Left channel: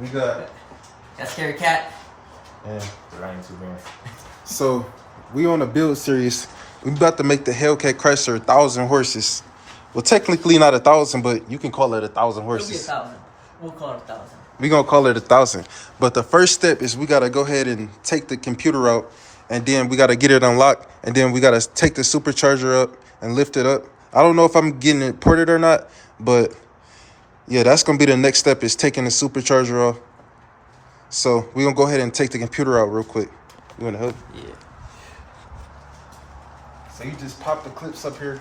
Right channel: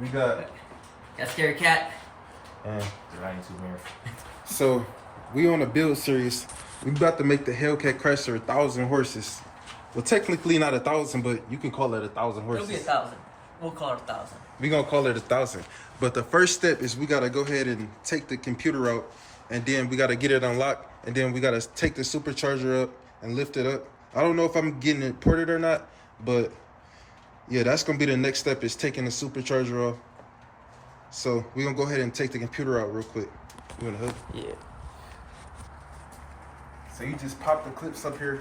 We got Scary Cat. and Ryan too, man. so we on a build series. We about to make the Hellcat Chrysler 1,000 horses. Well, technically not 1,000, but you can call it 1,000 horses. It'll be 1,000. We'll call it 1,000. We're gonna call it 1,000. But the first step is we gotta go ahead and take the computer out, and then we gotta get it unlocked, and then we gotta take the supercharger up and lift it up. I don't know if I'm getting it ported or not, but yeah, that's gonna be the next step, is taking the supercharger off. So we're gonna go ahead and take the computer out real quick. You want the hood? Yeah. So you just pop the clips up here.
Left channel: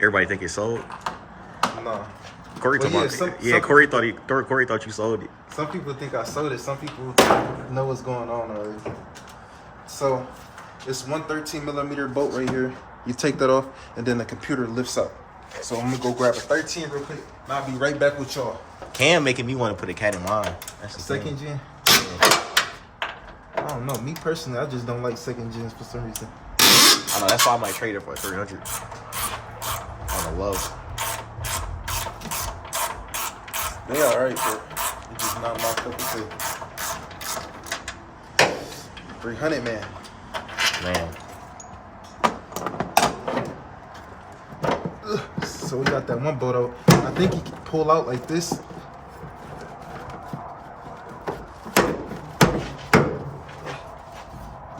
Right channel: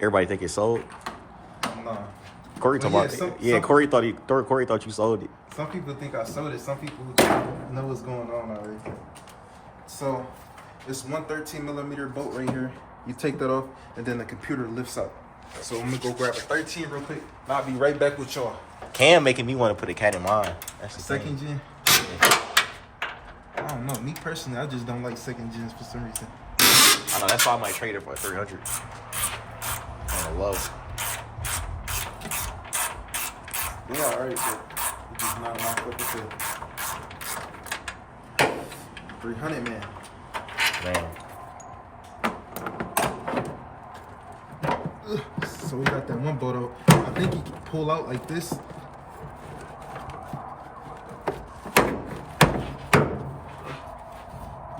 Everybody think it's sold? No. Corey Well, talking about Corey thought you sold it. Some people think I sold it. Some people know what's going on already. So it's 113mm bolt right here. You take that off, and then the computer lifts up. So I'm gonna go grab a 13 real quick. I'll be right back with y'all. Cam making me want to put a cat in mine. That's the Second thing. gen? I don't know. Me personally, I just don't like second gens for some reason. I know, that's why I might trade it for 300 on the low. They alright, but it's just not knocked up to 300, man. Man. So we got that one bolt out. I think you can pull out like this.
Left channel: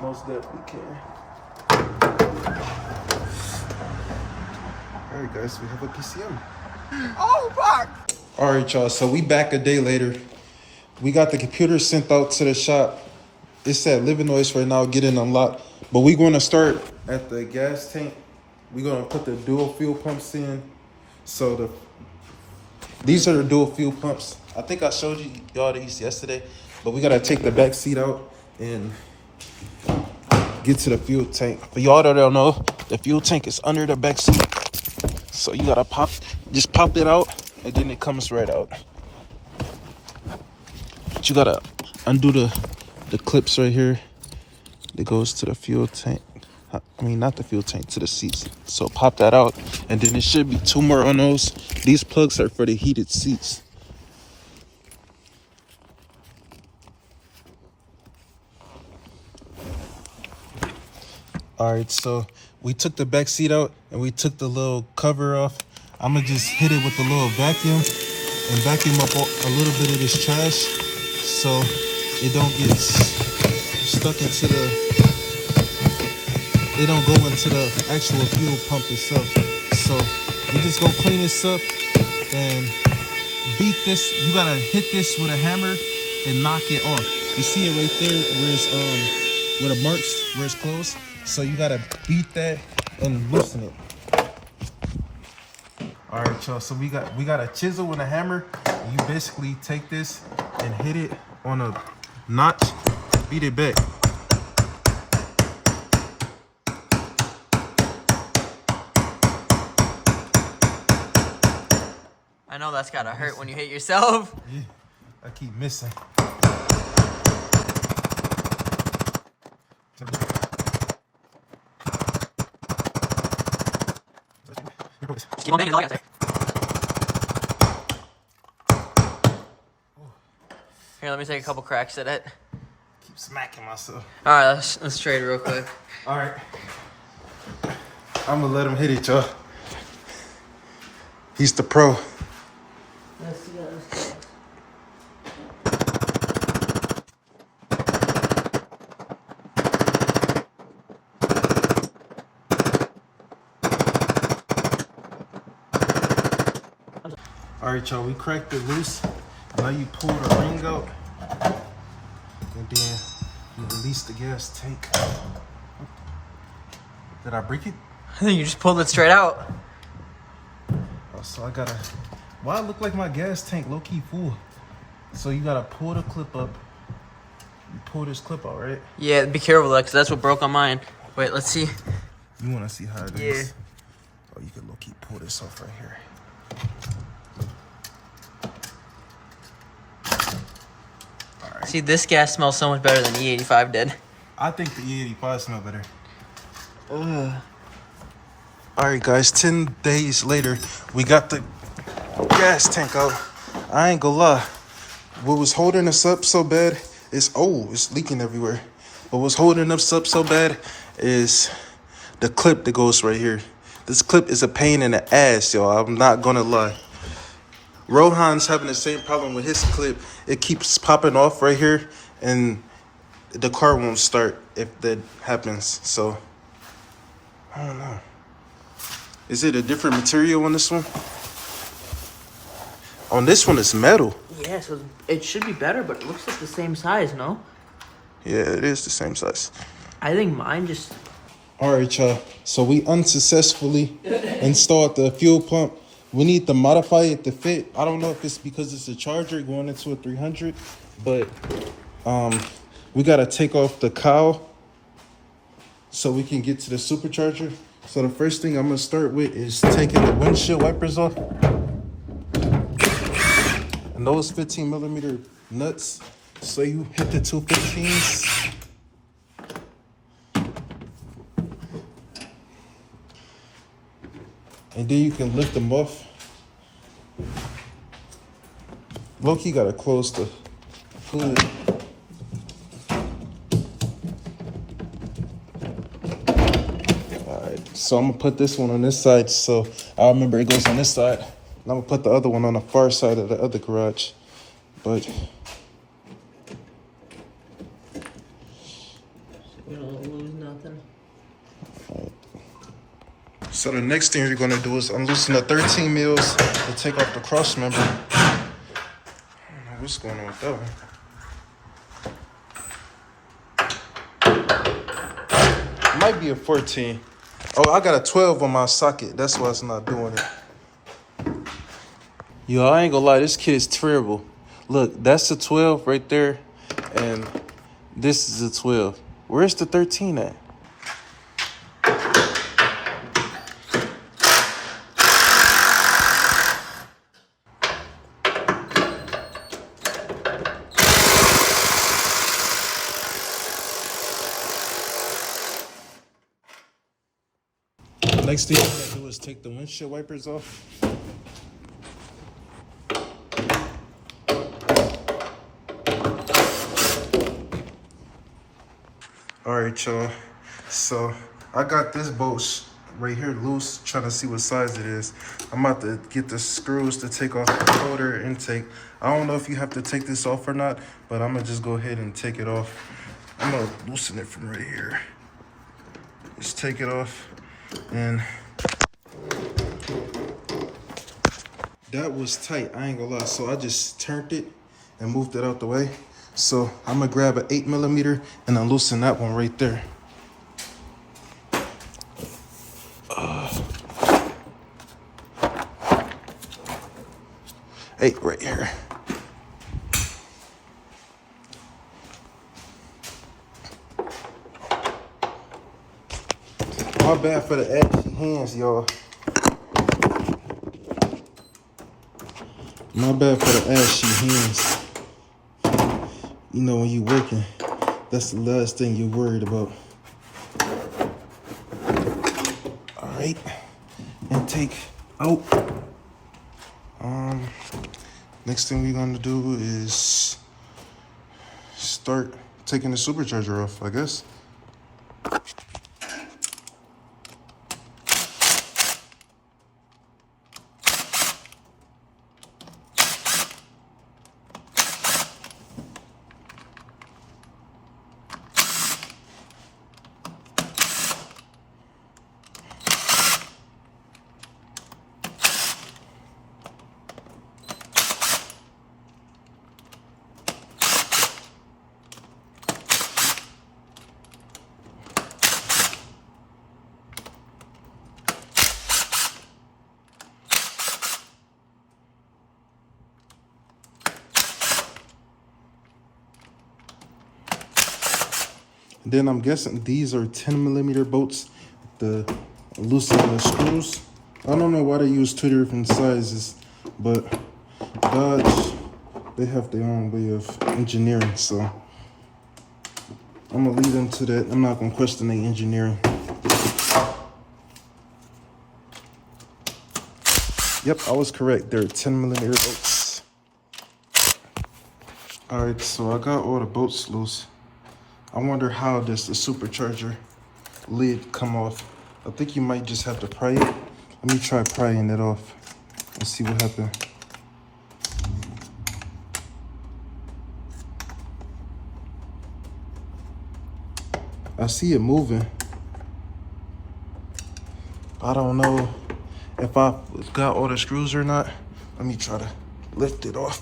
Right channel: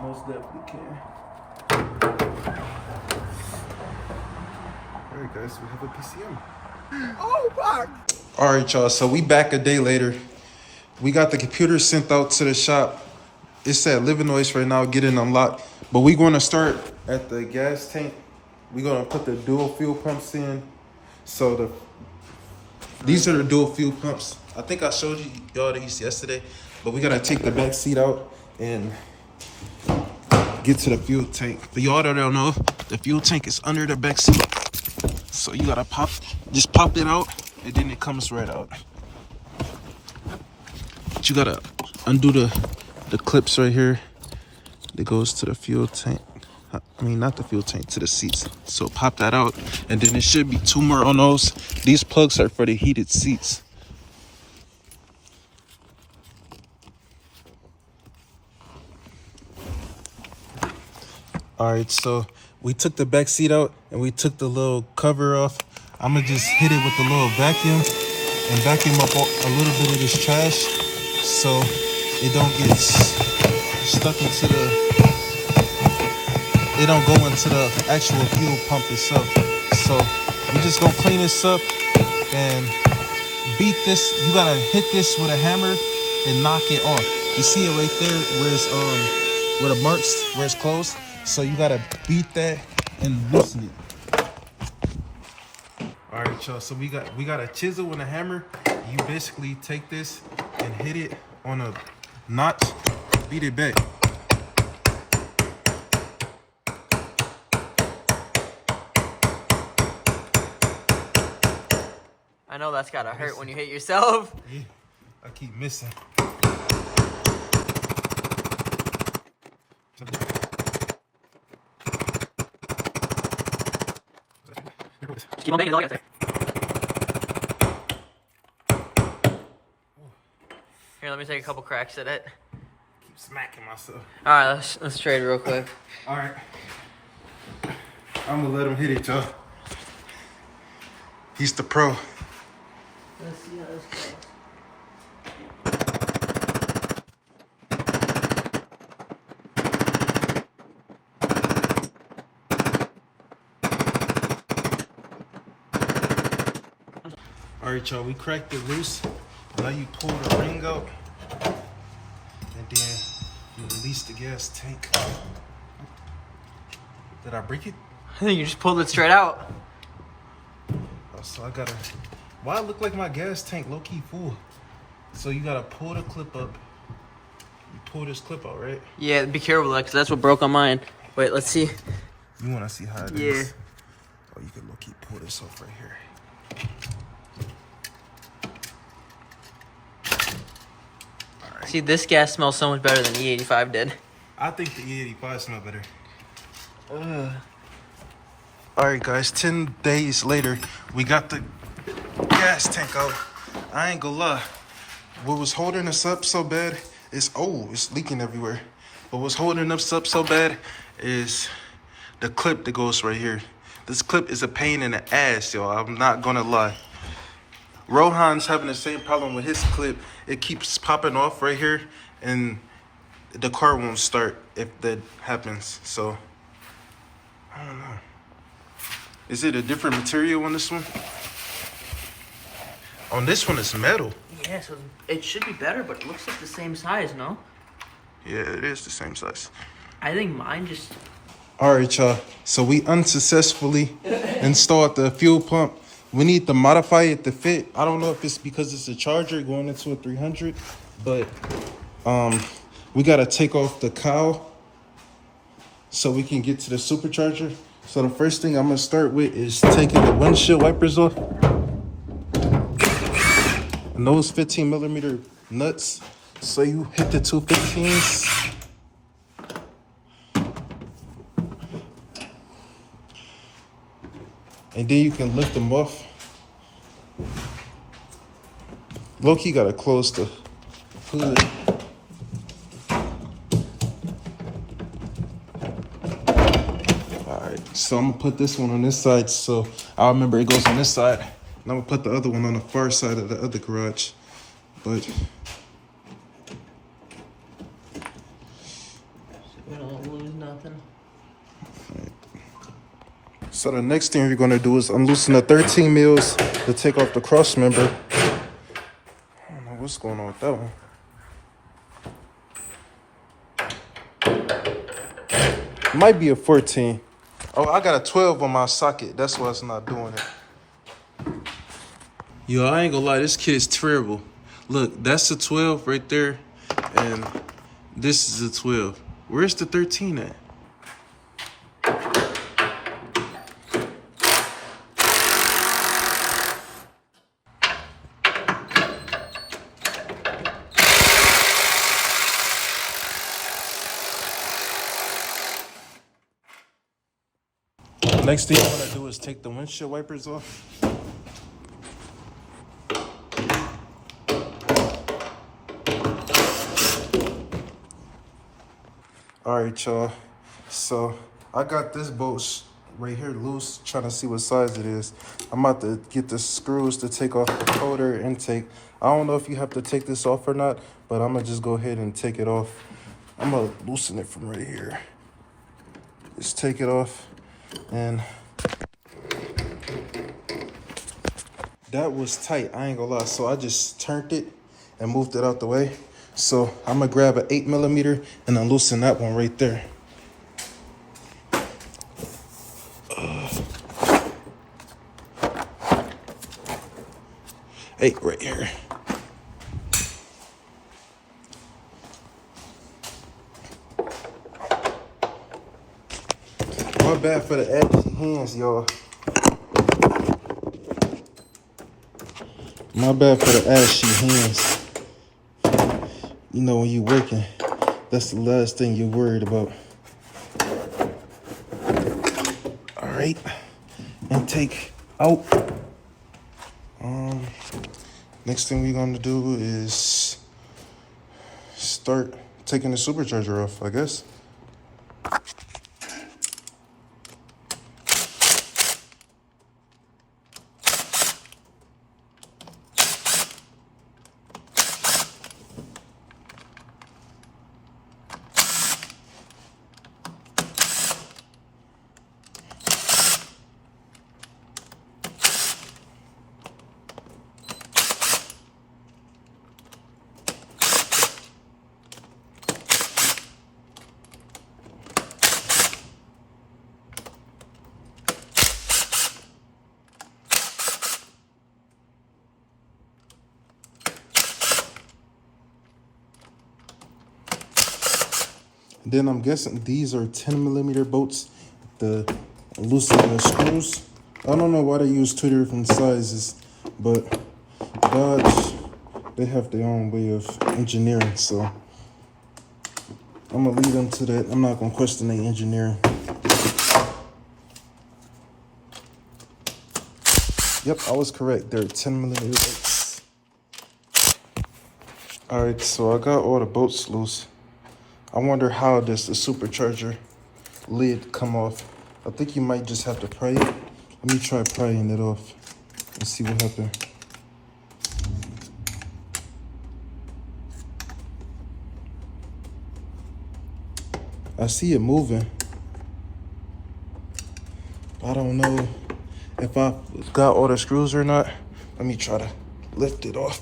Most definitely can. Alright guys, we have a PCM. Oh fuck! Alright y'all, so we back a day later. We got the computer sent out to the shop. It's at Livernois right now, getting unlocked. But we're gonna start at the gas tank. We're gonna put the dual fuel pumps in. So these are the dual fuel pumps. I think I showed y'all these yesterday, but we gotta take the back seat out and get to the fuel tank. For y'all that don't know, the fuel tank is under the back seat. So you gotta just pop it out, and then it comes right out. But you gotta undo the clips right here that goes to the fuel tank. I mean, not the fuel tank, to the seats. So pop that out, and then it should be 2 more on those. These plugs are for the heated seats. All right, so we took the back seat out and we took the little cover off. I'm gonna just hit it with the little vacuum and vacuum up a little bit of this trash so it don't get stuck into it don't go into the actual fuel pump itself. So we're just gonna clean this up and beat this. You gotta hit this with a hammer and knock it off. You see it right there where it's where the marks where it's closed. So you gotta beat that and loosen it. All right, y'all. So we got a chisel and a hammer. You basically take this and hit it on a notch, beat it back. I know that's gotta hurt when you hit yourself. Yeah, I keep missing. Keep on making it like I say. Here, let me take a couple cracks at it. Keep smacking myself. All right, let's trade real quick. All right. I'm gonna let him hit it, y'all. He's the pro. Let's see how this goes. All right, y'all, we cracked it loose. Now you pull the ring out, and then you release the gas tank. Did I break it? I think you just pulled it straight out. Oh, so I gotta, why it look like my gas tank low-key full? So you gotta pull the clip up. You pull this clip out, right? Yeah, be careful with that, because that's what broke on mine. Wait, let's see. You wanna see how it is? Oh, you can low-key pull pull this off right here. See, this gas smells so much better than E85 did. I think the E85 smell better. All right, guys, 10 days later, we got the gas tank out. I ain't gonna lie. What was holding us up so bad is, it's leaking everywhere. But what's holding us up so bad is the clip that goes right here. This clip is a pain in the ass, y'all. I'm not gonna lie. Rohan's having the same problem with his clip. It keeps popping off right here, and the car won't start if that happens. So, I don't know. Is it a different material on this one? On this one, it's metal. Yeah, so it should be better, but it looks like the same size, no? Yeah, it is the same size. I think mine just... All right, y'all. So we unsuccessfully installed the fuel pump. We need to modify it to fit. I don't know if it's because it's a Charger going into a 300, but we got to take off the cowl so we can get to the Supercharger. So the first thing I'm going to start with is taking the windshield wipers off. And those 15 millimeter nuts. So you hit the 215s. And then you can lift them off. Loki gotta close the hood. Alright, so I'm gonna put this one on this side so I remember it goes on this side. And I'm gonna put the other one on the far side of the other garage. But We don't lose nothing. so the next thing you're gonna do is unloosen the 13 mils to take off the cross member. I don't know what's going on with that one. It might be a 14. Oh, I got a 12 on my socket. That's why it's not doing it. Yo, I ain't gonna lie, this kid is terrible. Look, that's the 12 right there, and this is the 12. Where's the 13 at? Next thing I want to do is take the windshield wipers off. All right, y'all. So I got this bolt right here loose, trying to see what size it is. I'm about to get the screws to take off the coder intake. I don't know if you have to take this off or not, but I'm gonna just go ahead and take it off. I'm gonna loosen it from right here. Just take it off. And that was tight, I ain't gonna lie. So I just turned it and moved it out the way. So I'm gonna grab an 8 millimeter and unloosen that one right there. 8 right here. My bad for the ashy hands, y'all. My bad for the ashy hands. You know, when you working, that's the last thing you're worried about. All right, intake out. Next thing we're gonna do is start taking the Supercharger off, I guess. Then I'm guessing these are 10 millimeter bolts, the loosening the screws. I don't know why they use 2 different sizes, but Dodge, they have their own way of engineering, so I'm gonna lead them to that. I'm not gonna question their engineering. Yep, I was correct. They're 10mm bolts. All right, so I got all the bolts loose. I wonder how does the supercharger lid come off. I think you might just have to pry it. Let me try prying it off and see what happens. I see it moving. I don't know if I got all the screws or not. Let me try to lift it off.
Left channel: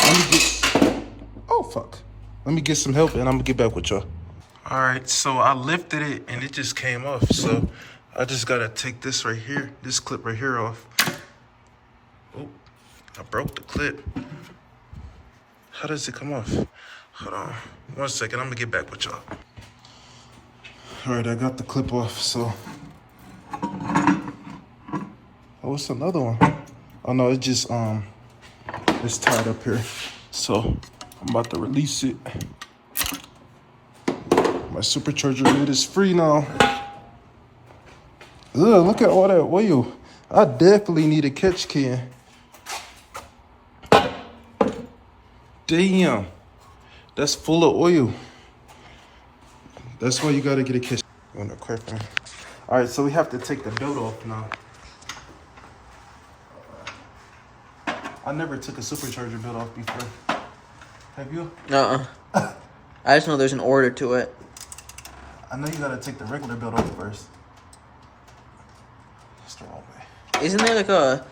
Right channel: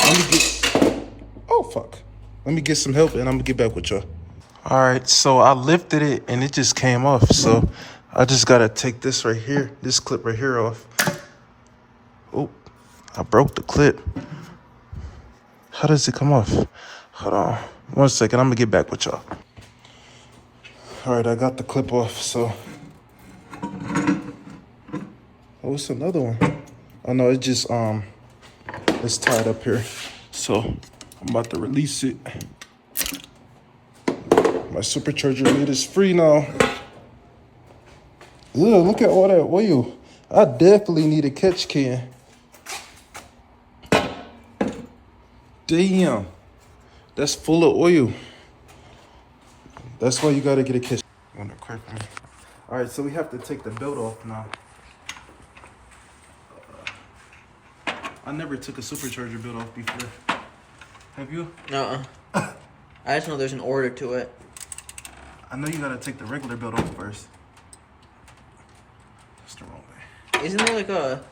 Let me get, oh fuck. Let me get some help and I'm gonna get back with y'all. All right, so I lifted it and it just came off. So I just gotta take this right here, this clip right here off. Oh, I broke the clip. How does it come off? Hold on, 1 second, I'm gonna get back with y'all. All right, I got the clip off, so. Oh, it's another one. Oh no, it's just, it's tied up here. So I'm about to release it. My supercharger lid is free now. Ugh, look at all that oil. I definitely need a catch can. Damn, that's full of oil. That's why you gotta get a catch on the crap on. All right, so we have to take the belt off now. I never took a supercharger belt off before. Have you? I just know there's an order to it. I know you gotta take the regular belt off first. That's the wrong way. Isn't there like a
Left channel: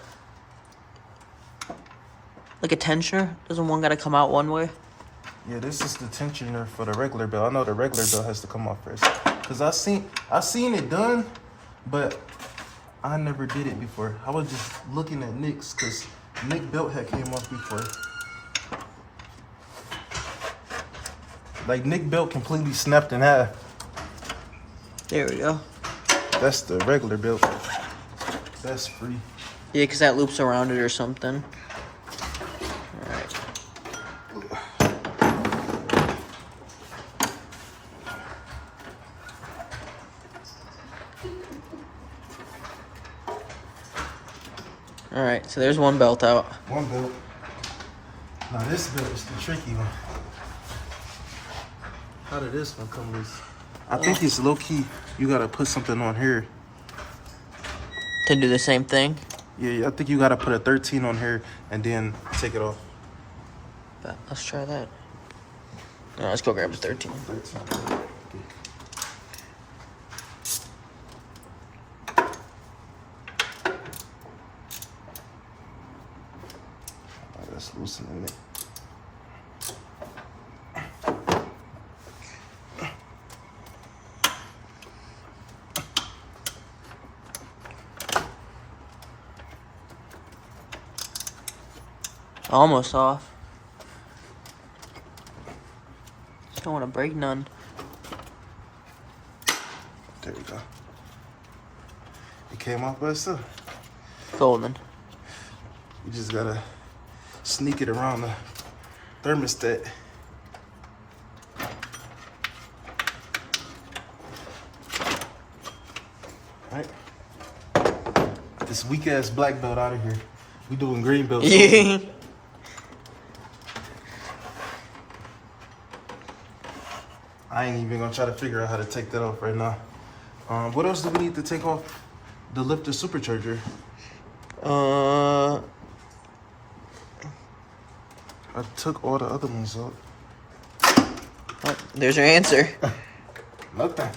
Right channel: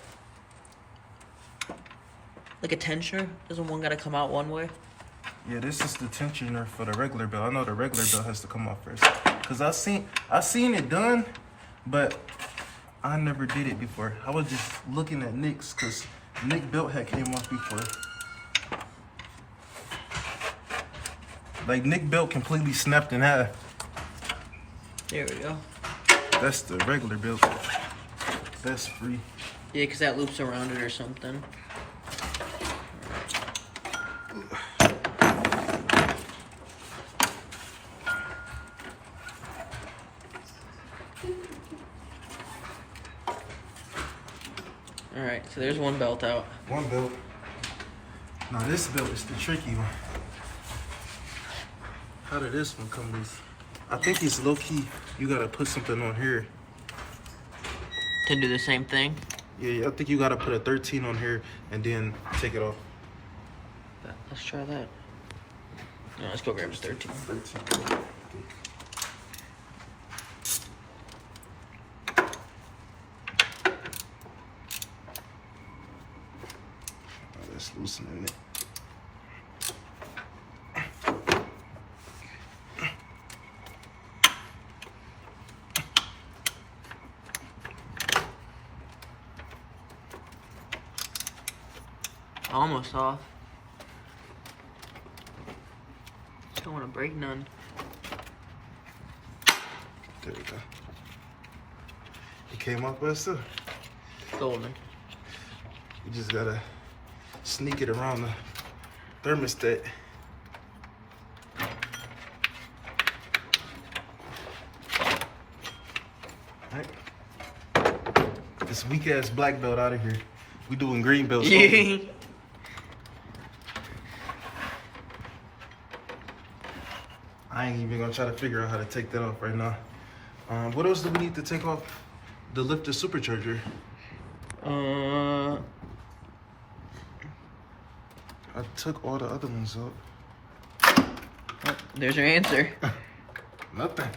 tensioner? Doesn't one gotta come out one way? Yeah, this is the tensioner for the regular belt. I know the regular belt has to come off first. Cause I seen it done, but I never did it before. I was just looking at Nick's cause Nick belt had came off before. Like Nick belt completely snapped in half. There we go. That's the regular belt. That's free. Yeah, because that loops around it or something. Alright. Alright, so there's one belt out. One belt. Now this belt is the tricky one. How did this one come loose? I think it's low key. You gotta put something on here. To do the same thing? Yeah, I think you gotta put a 13 on here and then take it off. But let's try that. Alright, let's go grab a 13. 13. Okay. Oh, that's loosening it. Almost off. Just don't want to break none. There we go. It came off by itself. Golden. You just gotta sneak it around the thermostat. All right. This weak ass black belt out of here. We doing green belts. I ain't even gonna try to figure out how to take that off right now. What else do we need to take off to lift the supercharger? Uh, I took all the other ones out. oh, there's your answer. Nothing.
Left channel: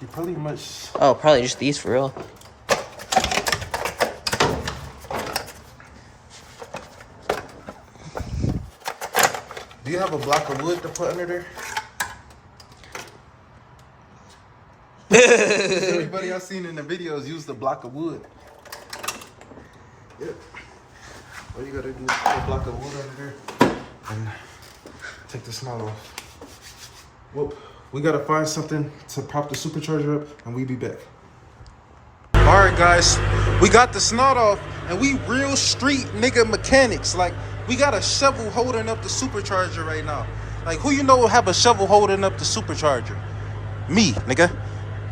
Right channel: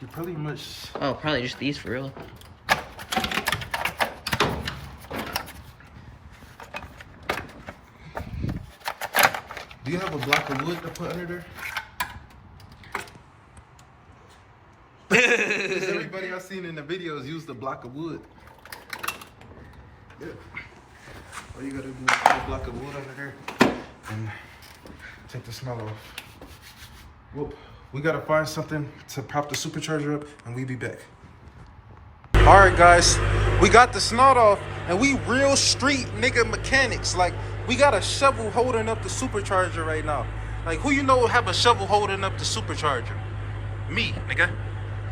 You pretty much. Oh, probably just these for real. Do you have a block of wood to put under there? Everybody I've seen in the videos use the block of wood. Yeah. All you gotta do is put a block of wood under there and take the smell off. Well, we gotta find something to prop the supercharger up and we'll be back. All right, guys, we got the snout off, and we real street nigga mechanics. Like, we got a shovel holding up the supercharger right now. Like, who you know will have a shovel holding up the supercharger? Me, nigga.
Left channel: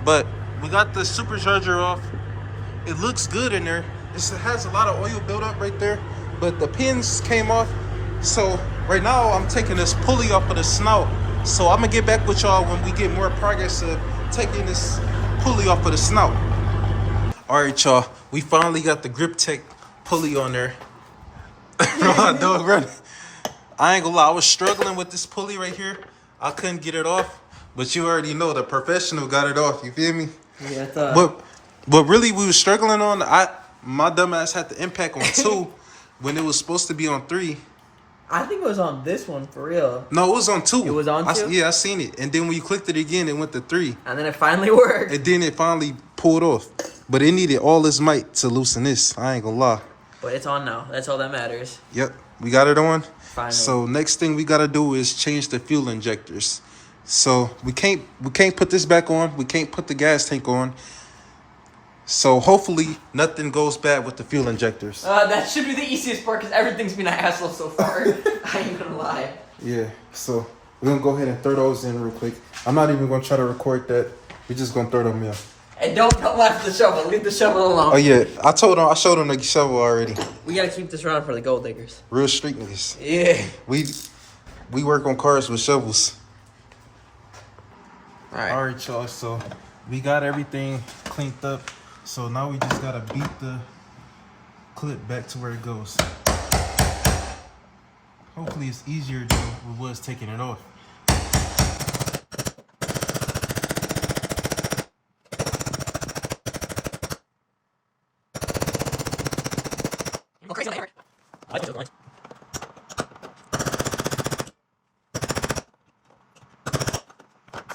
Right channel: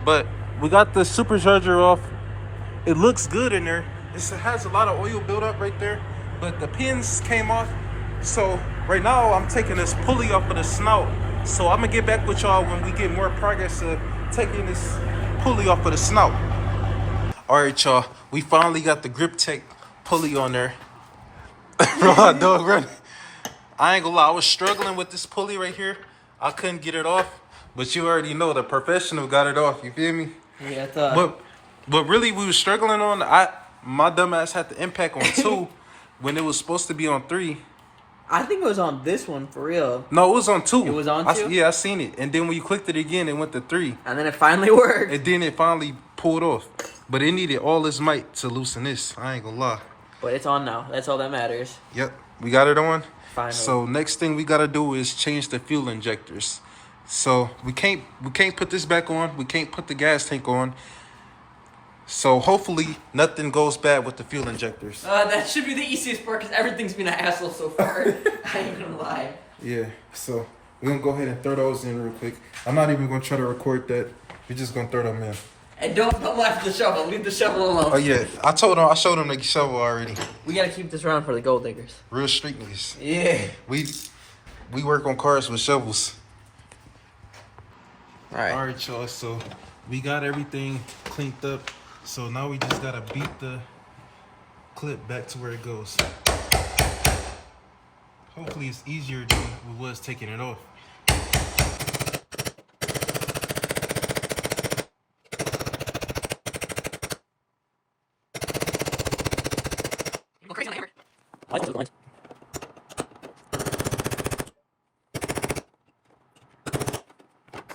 But we got the supercharger off. It looks good in there. It has a lot of oil buildup right there, but the pins came off. So right now I'm taking this pulley off of the snout. So I'm gonna get back with y'all when we get more progress of taking this pulley off of the snout. All right, y'all, we finally got the grip tech pulley on there. Dog, run. I ain't gonna lie, I was struggling with this pulley right here. I couldn't get it off, but you already know the professional got it off. You feel me? Yeah, I thought. But really, we were struggling on. My dumb ass had the impact on 2 when it was supposed to be on 3. I think it was on this one for real. No, it was on 2. It was on 2? Yeah, I seen it. And then when you clicked it again, it went to 3. And then it finally worked. And then it finally pulled off. But it needed all its might to loosen this. I ain't gonna lie. But it's on now. That's all that matters. Yep, we got it on. Finally. So next thing we gotta do is change the fuel injectors. So we can't put this back on. We can't put the gas tank on. So hopefully nothing goes bad with the fuel injectors. That should be the easiest part because everything's been an hassle so far. I ain't gonna lie. Yeah, so we're gonna go ahead and throw those in real quick. I'm not even gonna try to record that. We're just gonna throw them in. And don't laugh at the shovel. Leave the shovel alone. Oh yeah, I showed them the shovel already. We gotta keep this running for the gold diggers. Real street niggas. Yeah. We work on cars with shovels. All right. All right, y'all. So we got everything cleaned up. So now we just gotta beat the clip back to where it goes. Hopefully it's easier than it was taking it off. Go crazy on the hammer. I took one.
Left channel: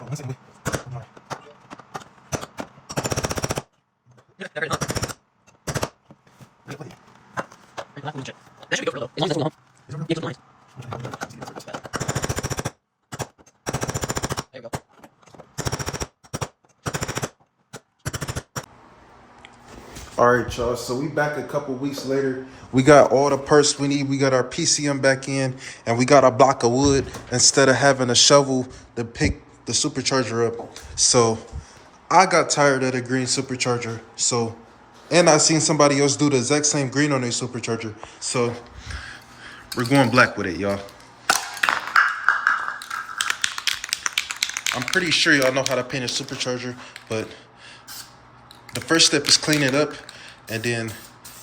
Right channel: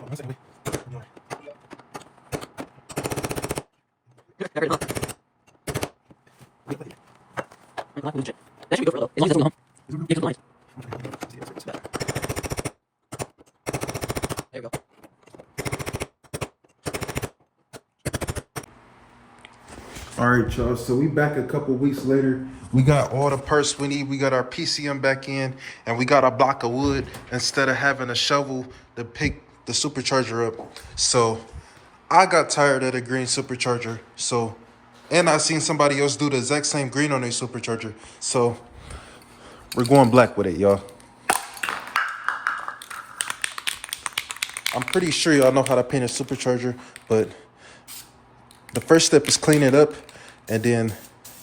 One second. That should be good for though. As long as it doesn't go. Keep it nice. There we go. All right, y'all. So we back a couple weeks later. We got all the parts we need. We got our PCM back in, and we got a block of wood instead of having a shovel to pick the supercharger up. So I got tired of the green supercharger. And I seen somebody else do the exact same green on their supercharger. So we're going black with it, y'all. I'm pretty sure y'all know how to paint a supercharger, but the first step is clean it up, and then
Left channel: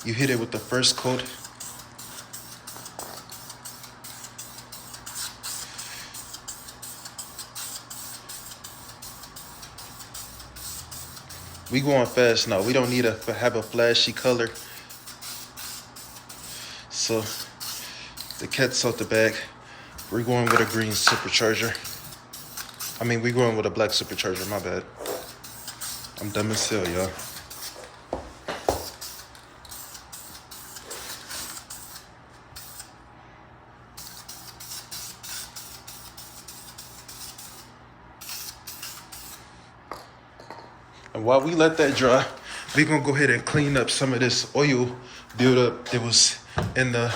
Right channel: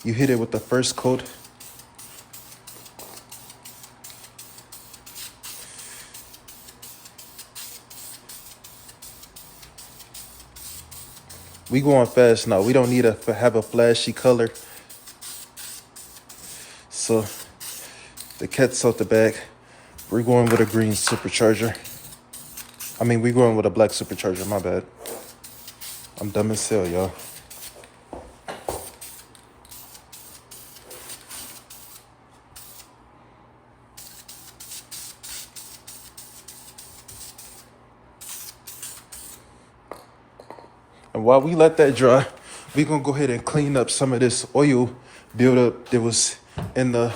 you hit it with the first coat. We going fast now. We don't need to have a flashy color. So the cat's out the bag. We're going with a green supercharger. I mean, we're going with a black supercharger, my bad. I'm dumb as hell, y'all. And while we let that dry, we're gonna go ahead and clean up some of this oil buildup that was in the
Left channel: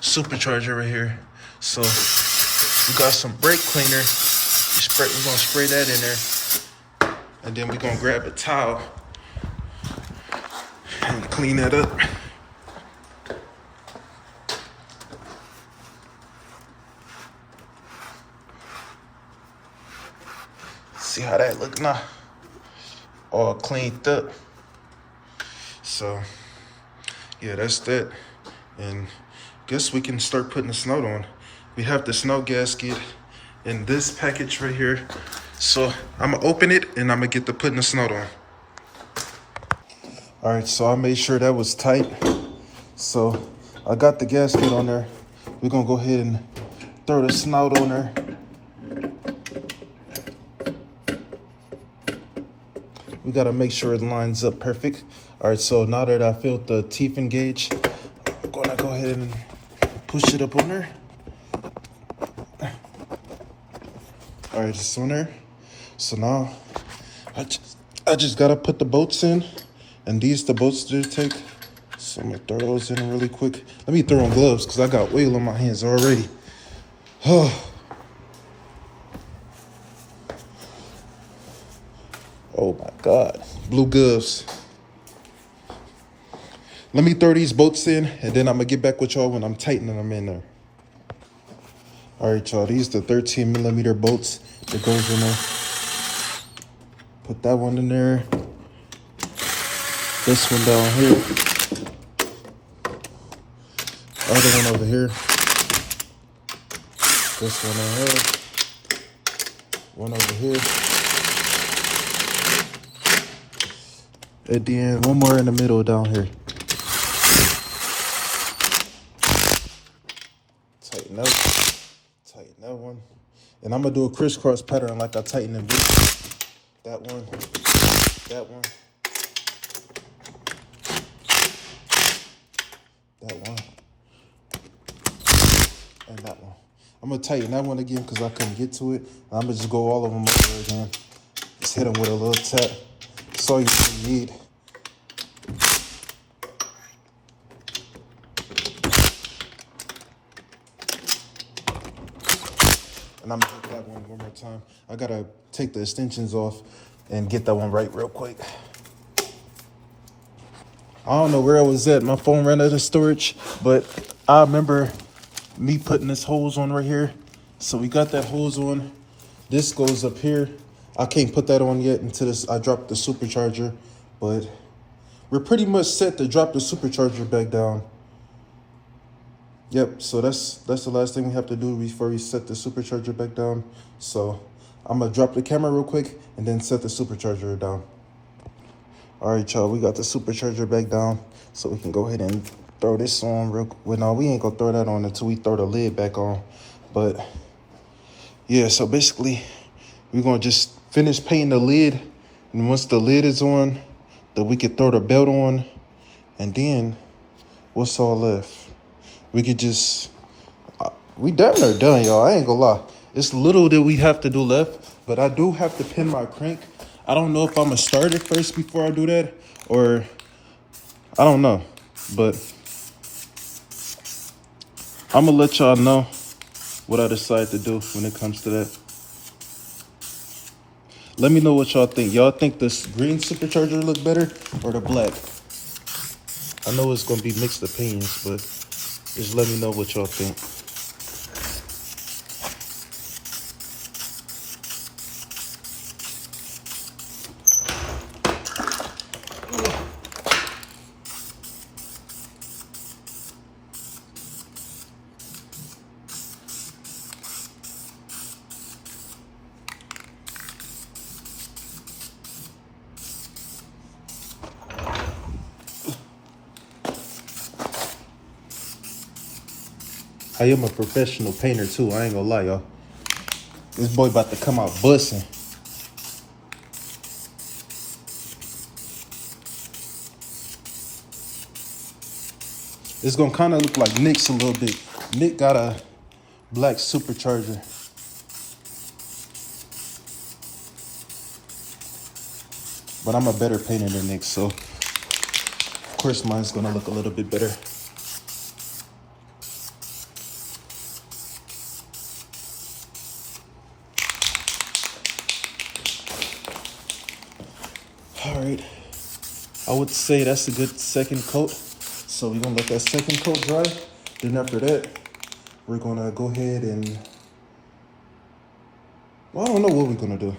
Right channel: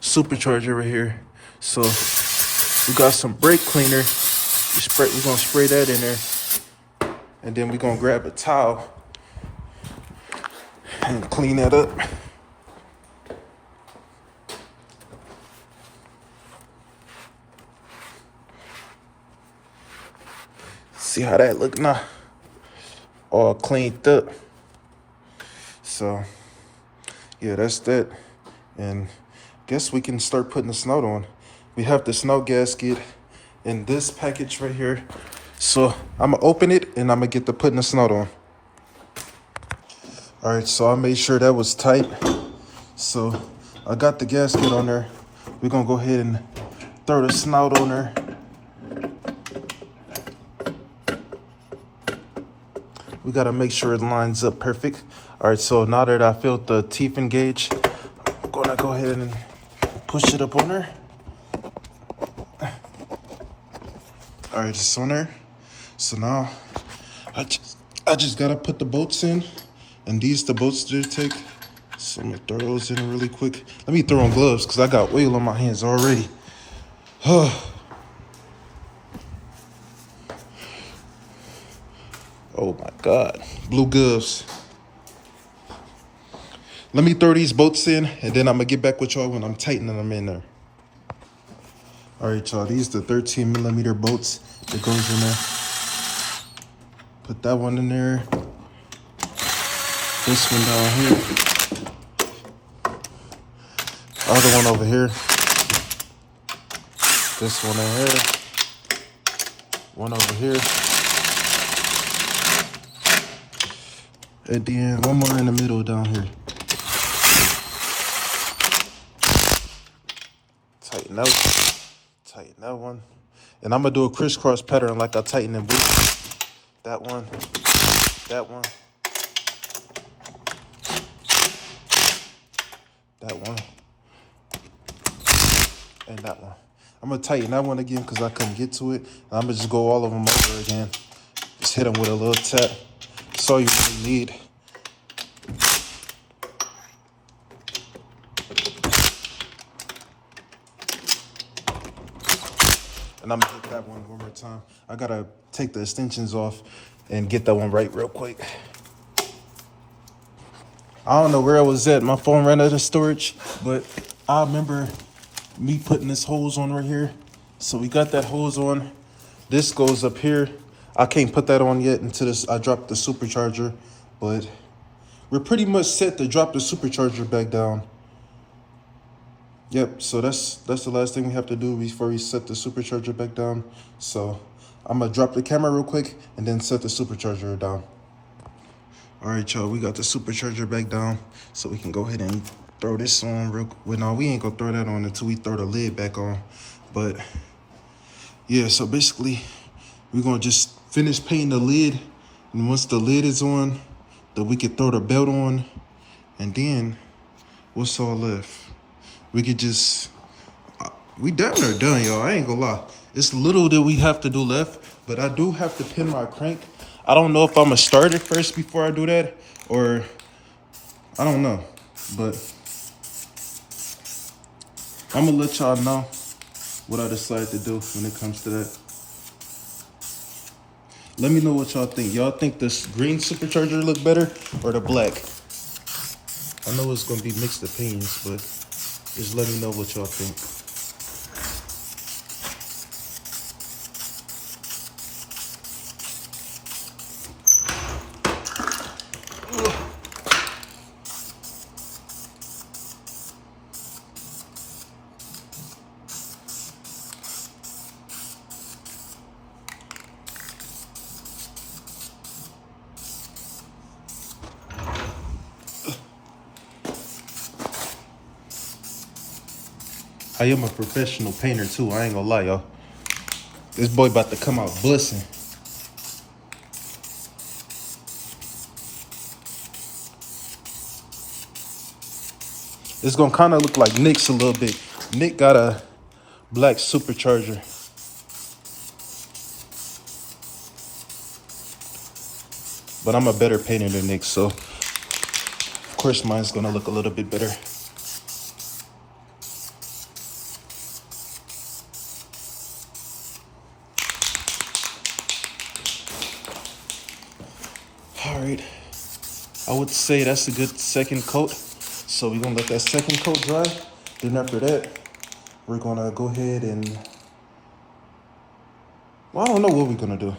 supercharger right here. So we got some brake cleaner. We're gonna spray that in there. And then we're gonna grab a towel and clean that up. See how that look now? All cleaned up. So yeah, that's that. And guess we can start putting the snout on. We have the snout gasket in this package right here. So I'm gonna open it and I'm gonna get to putting the snout on. All right, so I made sure that was tight. So I got the gasket on there. We're gonna go ahead and throw the snout on there. We gotta make sure it lines up perfect. All right, so now that I filled the teeth gauge, I'm gonna go ahead and push it up on there. All right, it's on there. So now I just gotta put the bolts in And these the bolts to take. So I'm gonna throw those in really quick. Let me throw on gloves because I got oil on my hands already. Oh my God. Blue gloves. Let me throw these bolts in and then I'm gonna get back with y'all when I'm tightening them in there. All right, y'all, these the 13mm bolts that goes in there. Put that one in there. This one down here. Other one over here. This one in here. One over here. At the end, one more in the middle down here. Tighten that one. And I'm gonna do a crisscross pattern like I tighten in boots. That one, that one, that one, and that one. I'm gonna tighten that one again because I couldn't get to it. I'm gonna just go all of them over again. Just hit them with a little tap. That's all you really need. And I'm gonna hit that one more time. I gotta take the extensions off and get that one right real quick. I don't know where I was at. My phone ran out of storage, but I remember me putting this hose on right here. So we got that hose on. This goes up here. I can't put that on yet until I drop the supercharger, but we're pretty much set to drop the supercharger back down. Yep, so that's the last thing we have to do before we set the supercharger back down. So I'm gonna drop the camera real quick and then set the supercharger down. All right, y'all, we got the supercharger back down, so we can go ahead and throw this on real quick. Well, no, we ain't gonna throw that on until we throw the lid back on. But yeah, so basically we're gonna just finish painting the lid, and once the lid is on, then we can throw the belt on, and then what's all left? We could just, we damn near done, y'all. I ain't gonna lie. It's little that we have to do left, but I do have to pin my crank. I don't know if I'm gonna start it first before I do that, or I don't know, but I'm gonna let y'all know what I decide to do when it comes to that. Let me know what y'all think. Y'all think this green supercharger look better or the black? I know it's gonna be mixed opinions, but just let me know what y'all think. I am a professional painter too, I ain't gonna lie, y'all. This boy about to come out busting. It's gonna kind of look like Nick's a little bit. Nick got a black supercharger. But I'm a better painter than Nick, so of course mine's gonna look a little bit better. All right, I would say that's a good second coat. So we're gonna let that second coat dry. Then after that, we're gonna go ahead and, well, I don't know what we're gonna do.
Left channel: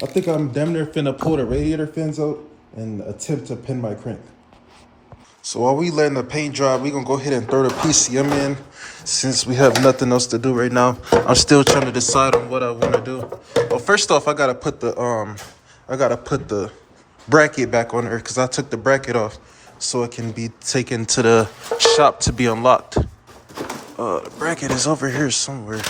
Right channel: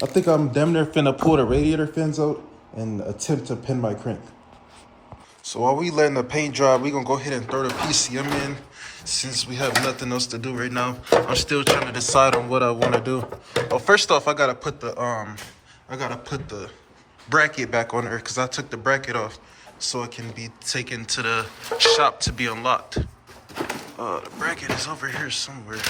I think I'm damn near finna pull the radiator fins out and attempt to pin my crank. So while we letting the paint dry, we're gonna go ahead and throw the PCM in since we have nothing else to do right now. I'm still trying to decide on what I wanna do. Well, first off, I gotta put the bracket back on there because I took the bracket off so it can be taken to the shop to be unlocked. The bracket is over here somewhere.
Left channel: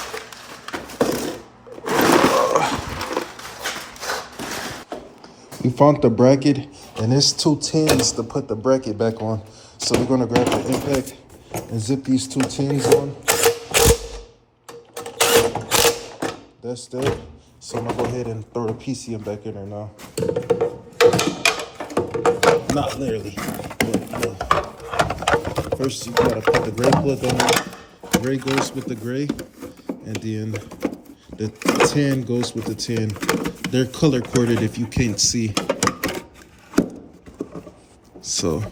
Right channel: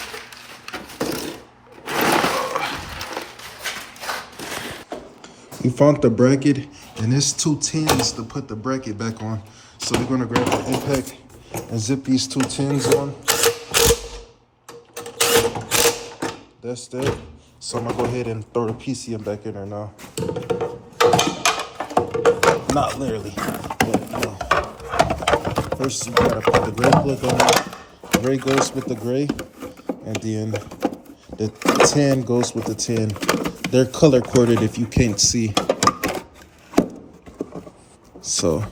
We found the bracket, and it's 2 tins to put the bracket back on. So we're gonna grab the impact and zip these 2 tins on. That's that. So I'm gonna go ahead and throw the PCM back in there now. Not literally. But, first, you gotta put the gray plug on there. Gray goes with the gray, and then the tan goes with the tan. They're color coded if you can't see. So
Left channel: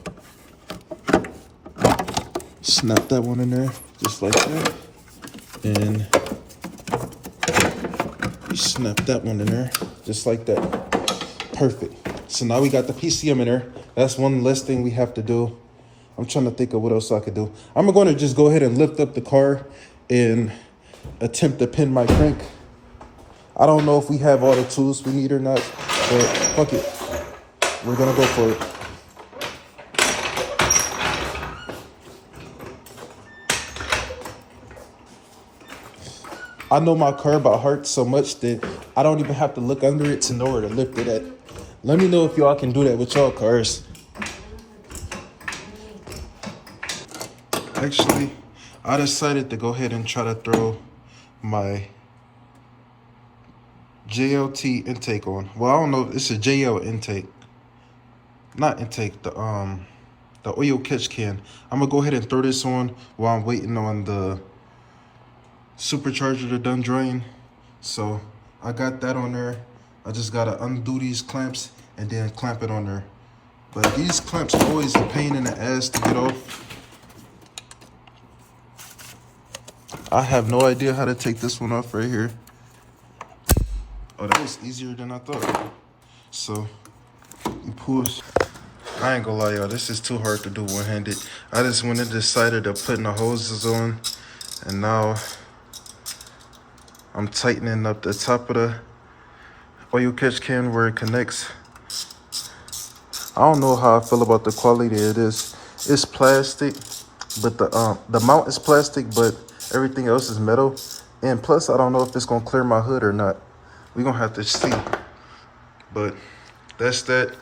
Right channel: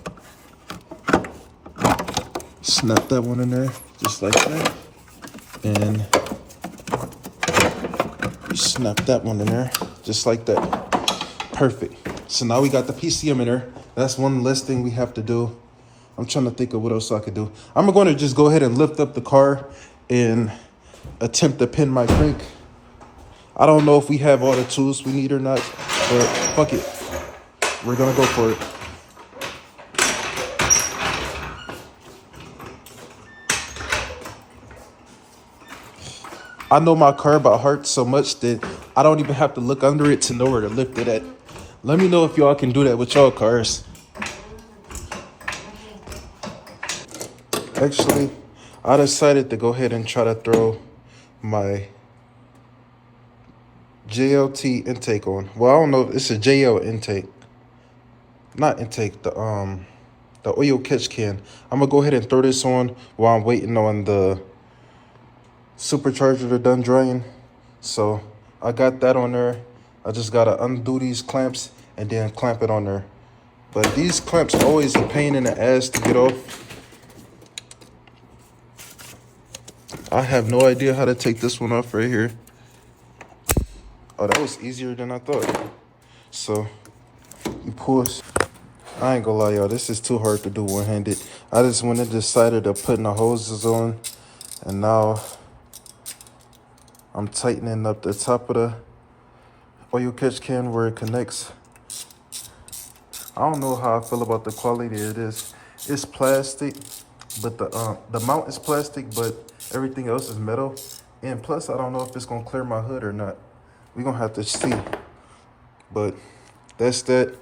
snap that one in there just like that, and you snap that one in there just like that. Perfect. So now we got the PCM in there. That's one less thing we have to do. I'm trying to think of what else I could do. I'm going to just go ahead and lift up the car and attempt to pin my crank. I don't know if we have all the tools we need or not, but fuck it. We're going to go for it. I know my car by heart so much that I don't even have to look under it to know where to lift it at. Let me know if y'all can do that with y'all cars. Actually, I decided to go ahead and try to throw my JLT intake on. Well, I don't know. It's a JL intake. Not intake, the oil catch can. I'm gonna go ahead and throw this on while I'm waiting on the supercharger to done drying. So I got that on there. I just gotta undo these clamps and then clamp it on there. But these clamps are always a pain in the ass to get off. I have no idea how to take this one off right here. Oh, that was easier than I thought. So you pull. I ain't gonna lie, y'all. This is too hard to do one-handed. I just went and decided to put the hoses on, and now I'm tightening up the top of the oil catch can where it connects. I don't know how I feel about the quality of this. It's plastic, but the mount is plastic, but everything else is metal. And plus, I don't know if it's gonna clear my hood or not. We're gonna have to see. But that's that.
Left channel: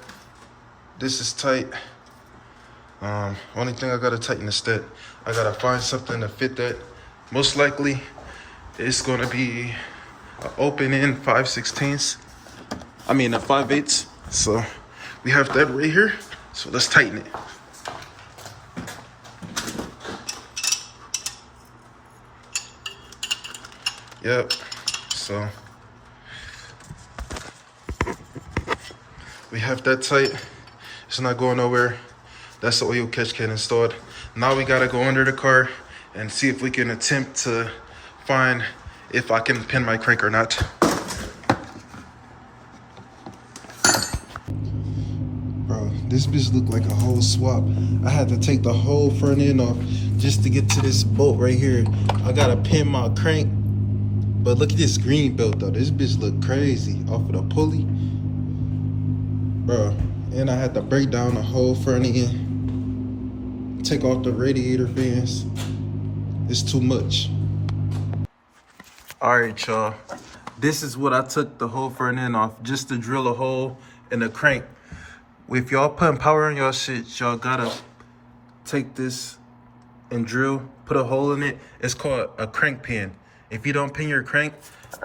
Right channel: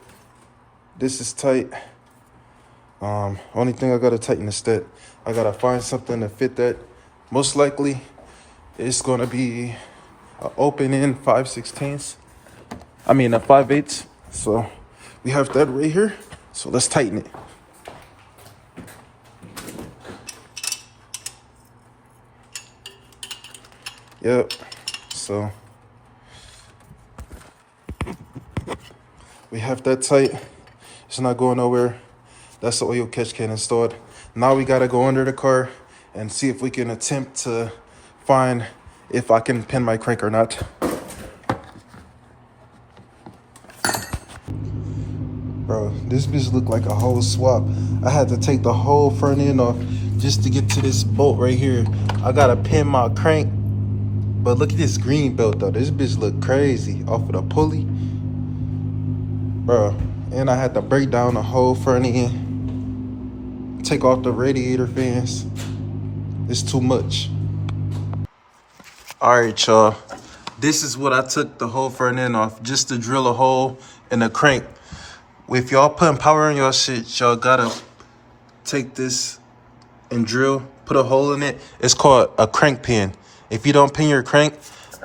This is tight. Only thing I gotta tighten is that I gotta find something to fit that. Most likely, it's gonna be an open end 5/16. I mean a 5/8. So we have that right here. So let's tighten it. Yep. So we have that tight. It's not going nowhere. That's the oil catch can installed. Now we gotta go under the car and see if we can attempt to find if I can pin my crank or not. Bro, this bitch looked like a whole swap. I had to take the whole front end off just to get to this bolt right here. I gotta pin my crank. But look at this green belt though. This bitch look crazy off of the pulley. Bro, and I had to break down the whole front end. Take off the radiator fans. It's too much. All right, y'all. This is what I took the whole front end off just to drill a hole in the crank. If y'all putting power in y'all shit, y'all gotta take this and drill, put a hole in it. It's called a crank pin. If you don't pin your crank,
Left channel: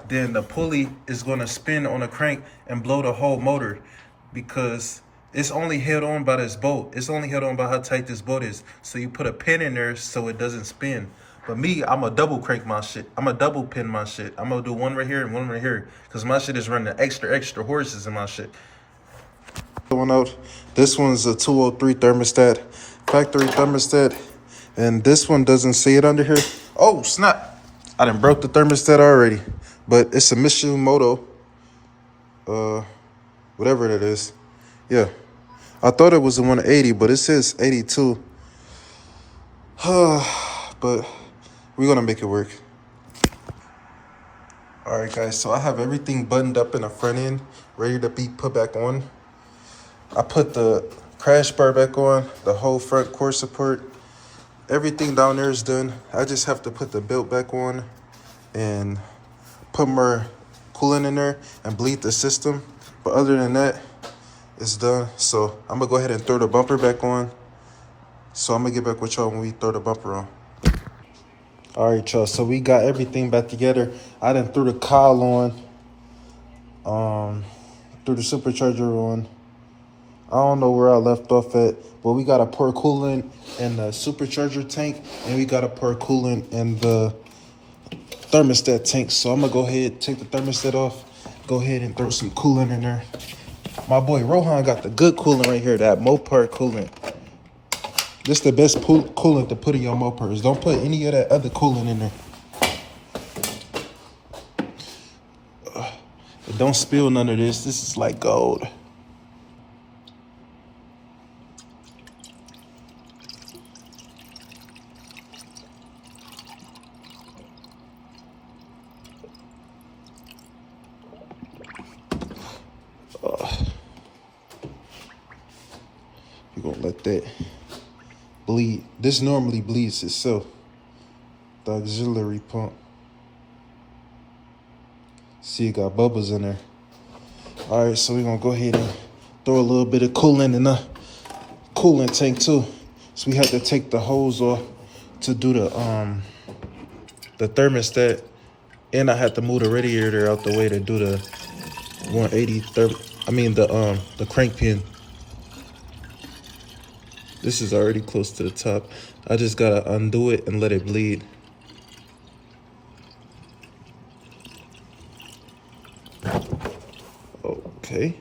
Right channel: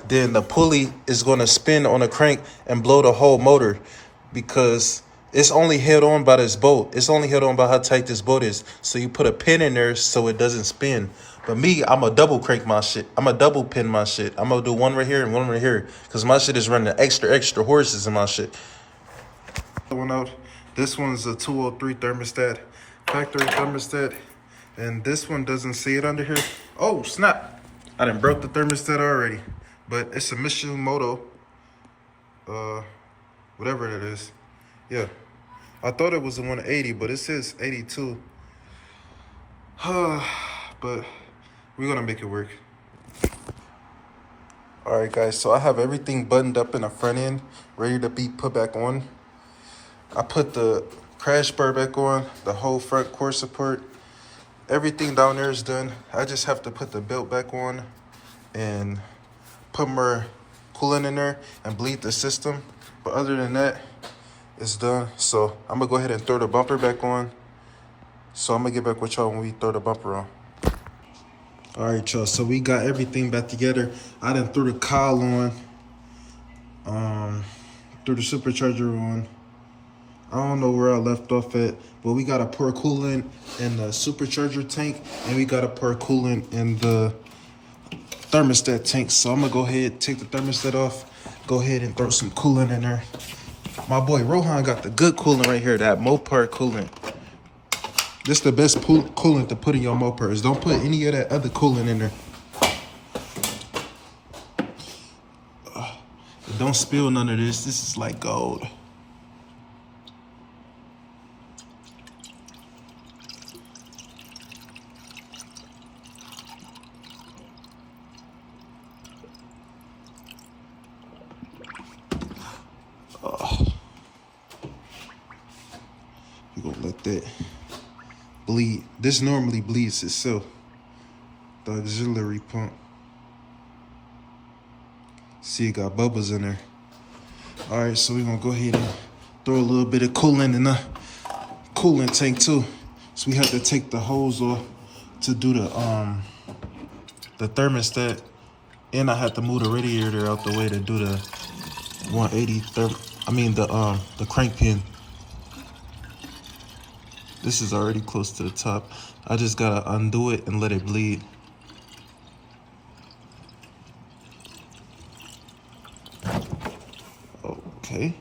then the pulley is gonna spin on the crank and blow the whole motor because it's only held on by this bolt. It's only held on by how tight this bolt is. So you put a pin in there so it doesn't spin. But me, I'm a double crank my shit. I'm a double pin my shit. I'm gonna do one right here and one right here because my shit is running extra horses in my shit. One out. This one's a 203 thermostat, factory thermostat, and this one doesn't say it under here. Oh snap! I done broke the thermostat already, but it's a Mitsumoto, whatever that is. Yeah, I thought it was a 180, but it says 82. But we're gonna make it work. All right, guys. So I have everything buttoned up in the front end, ready to be put back on. I put the crash bar back on, the whole front core support. Everything down there is done. I just have to put the belt back on and put more coolant in there and bleed the system. But other than that, it's done. So I'm gonna go ahead and throw the bumper back on. So I'm gonna get back with y'all when we throw the bumper on. All right, y'all. So we got everything back together. I done threw the cowl on, threw the supercharger on. I don't know where I left off at, but we gotta pour coolant in the supercharger tank, and we gotta pour coolant in the thermostat tank. So I'm gonna go ahead, take the thermostat off, go ahead and throw some coolant in there. My boy Rohan got the good coolant right here, that Mopar coolant. This is the best coolant to put in your Mopars. Don't put any of that other coolant in there. Don't spill none of this. This is like gold. We're gonna let that bleed. This normally bleeds itself. The auxiliary pump. See, it got bubbles in there. All right, so we're gonna go ahead and throw a little bit of coolant in the coolant tank too. So we had to take the hose off to do the thermostat, and I had to move the radiator out the way to do the 180 the crank pin. This is already close to the top. I just gotta undo it and let it bleed. Okay.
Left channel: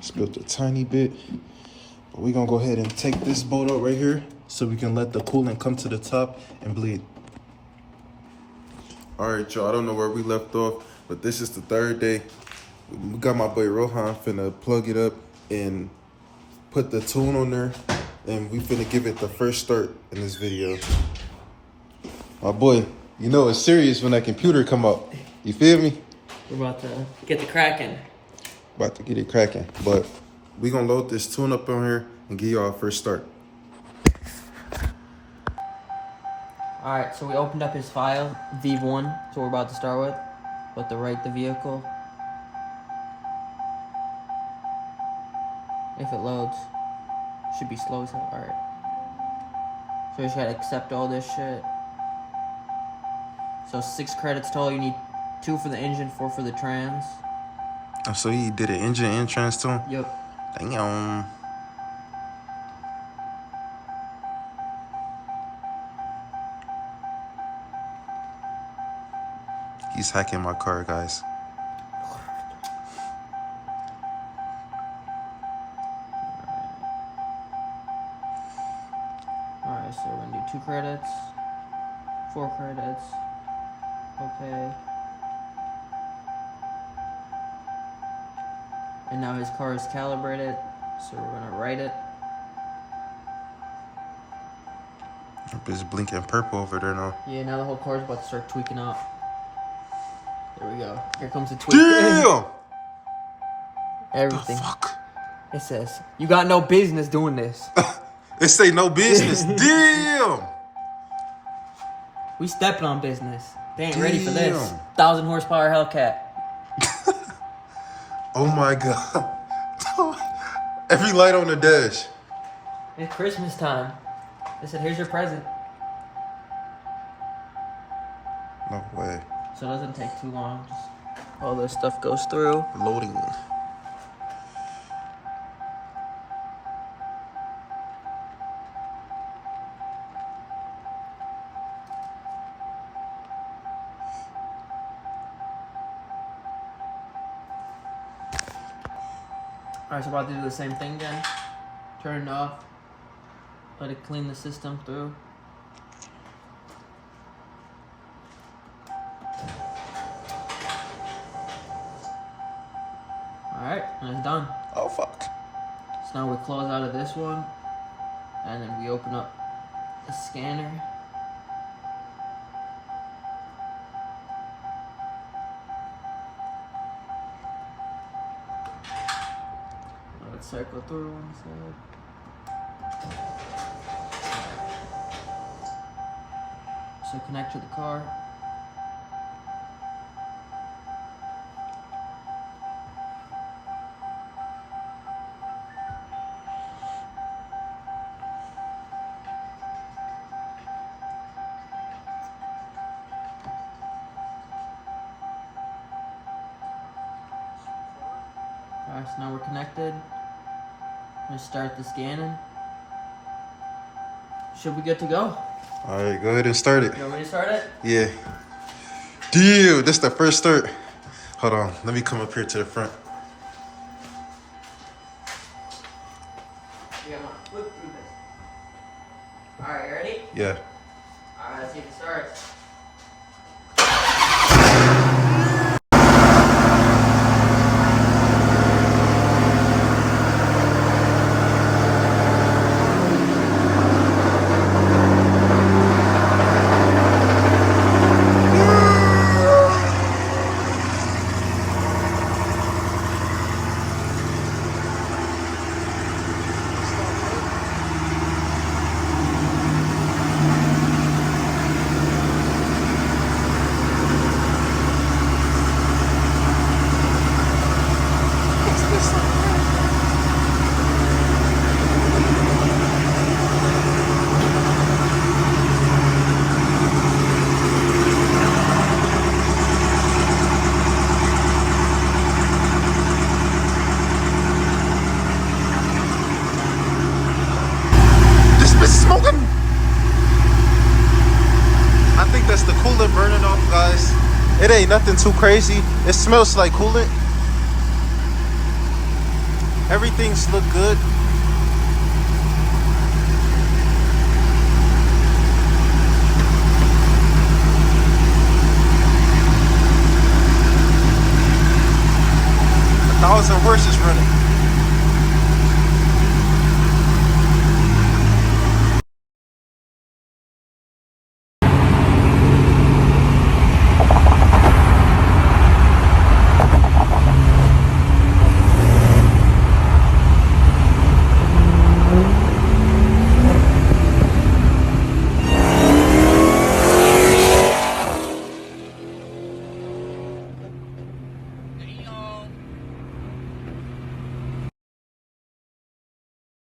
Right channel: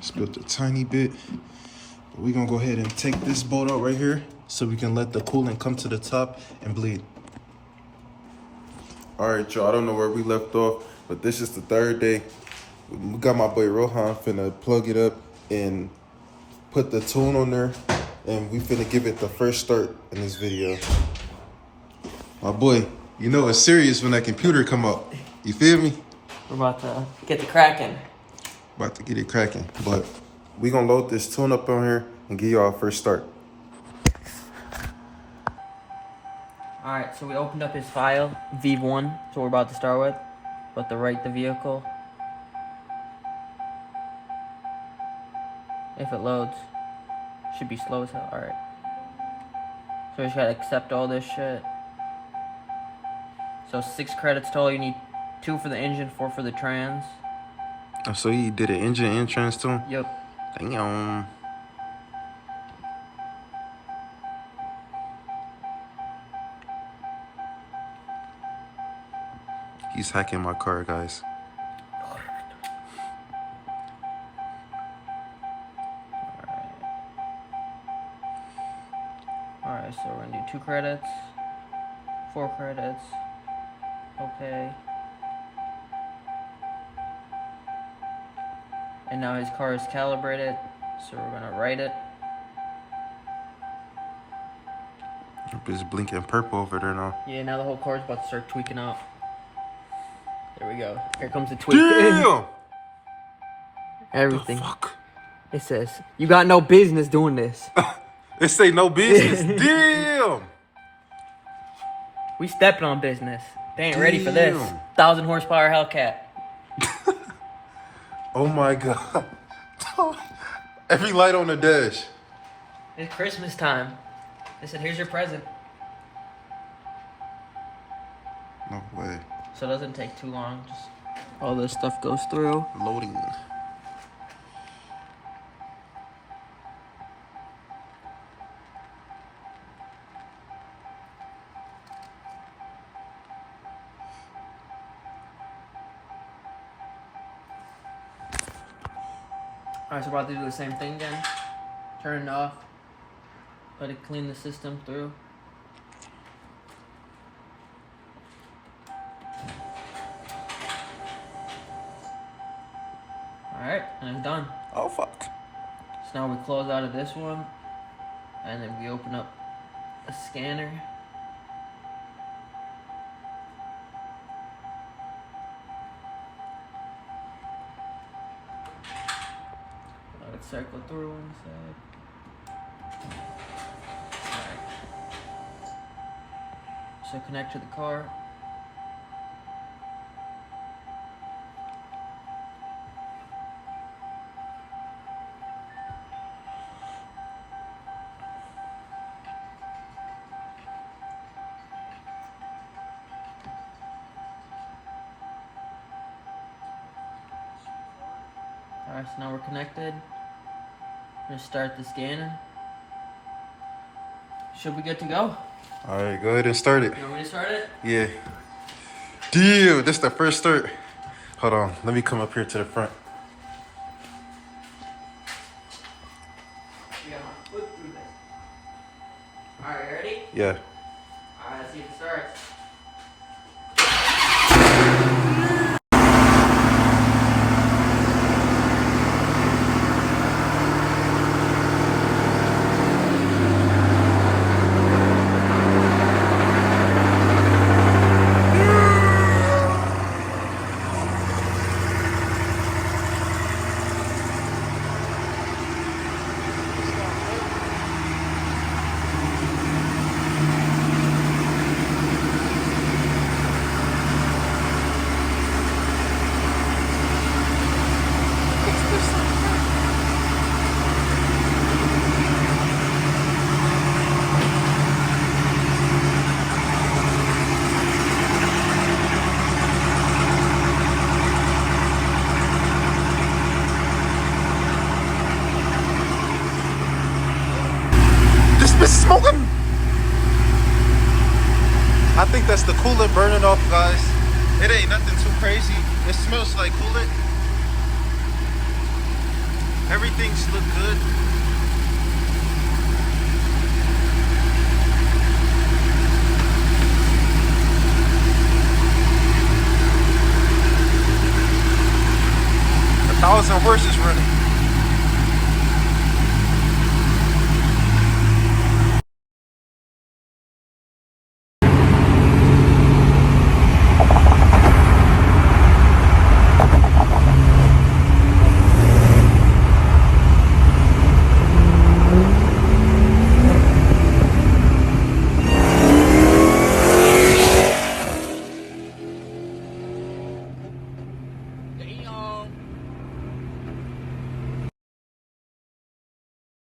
Split a tiny bit. But we're gonna go ahead and take this bolt out right here so we can let the coolant come to the top and bleed. All right, y'all, I don't know where we left off, but this is the third day. We got my boy Rohan finna plug it up and put the tune on there, and we finna give it the first start in this video. My boy, you know it's serious when that computer come up. You feel me? We're about to get the cracking. About to get it cracking. But we gonna load this tune up on here and give y'all a first start. Alright, so we opened up his file, V1, so we're about to start with. About to write the vehicle. If it loads. Should be slow as hell. Alright. So we just gotta accept all this shit. So 6 credits total. You need 2 for the engine, 4 for the trans. Oh, so you did an engine and trans tune? Yep. Damn. He's hacking my car, guys. Alright, so we're gonna do 2 credits, 4 credits. Okay. And now his car is calibrated, so we're gonna write it. It's blinking purple over there now. Yeah, now the whole car's about to start tweaking out. Here we go. Here comes the tweak. Damn! Everything. The fuck? It says, you got no business doing this. It say no business. Damn! We stepping on business. They ain't ready for this. 1,000 horsepower Hellcat. Oh my God. Every light on the dash. It's Christmas time. They said, here's your present. No way. So it doesn't take too long. Just all this stuff goes through. Loading. Alright, so we're about to do the same thing again. Turn it off. Let it clean the system through. Alright, and it's done. Oh, fuck. So now we close out of this one. And then we open up a scanner. Now let's cycle through one side. So connect to the car. so now we're connected. Gonna start the scanning. Should be good to go. All right, go ahead and start it. You want me to start it? Yeah. Deal. This is the first start. Hold on. Let me come up here to the front. Yeah, my foot through this. Alright, you ready? Yeah. Alright, let's see if it starts. This bitch smoking. I think that's the coolant burning off, guys. It ain't nothing too crazy. It smells like coolant. Everything's look good. A thousand horses running.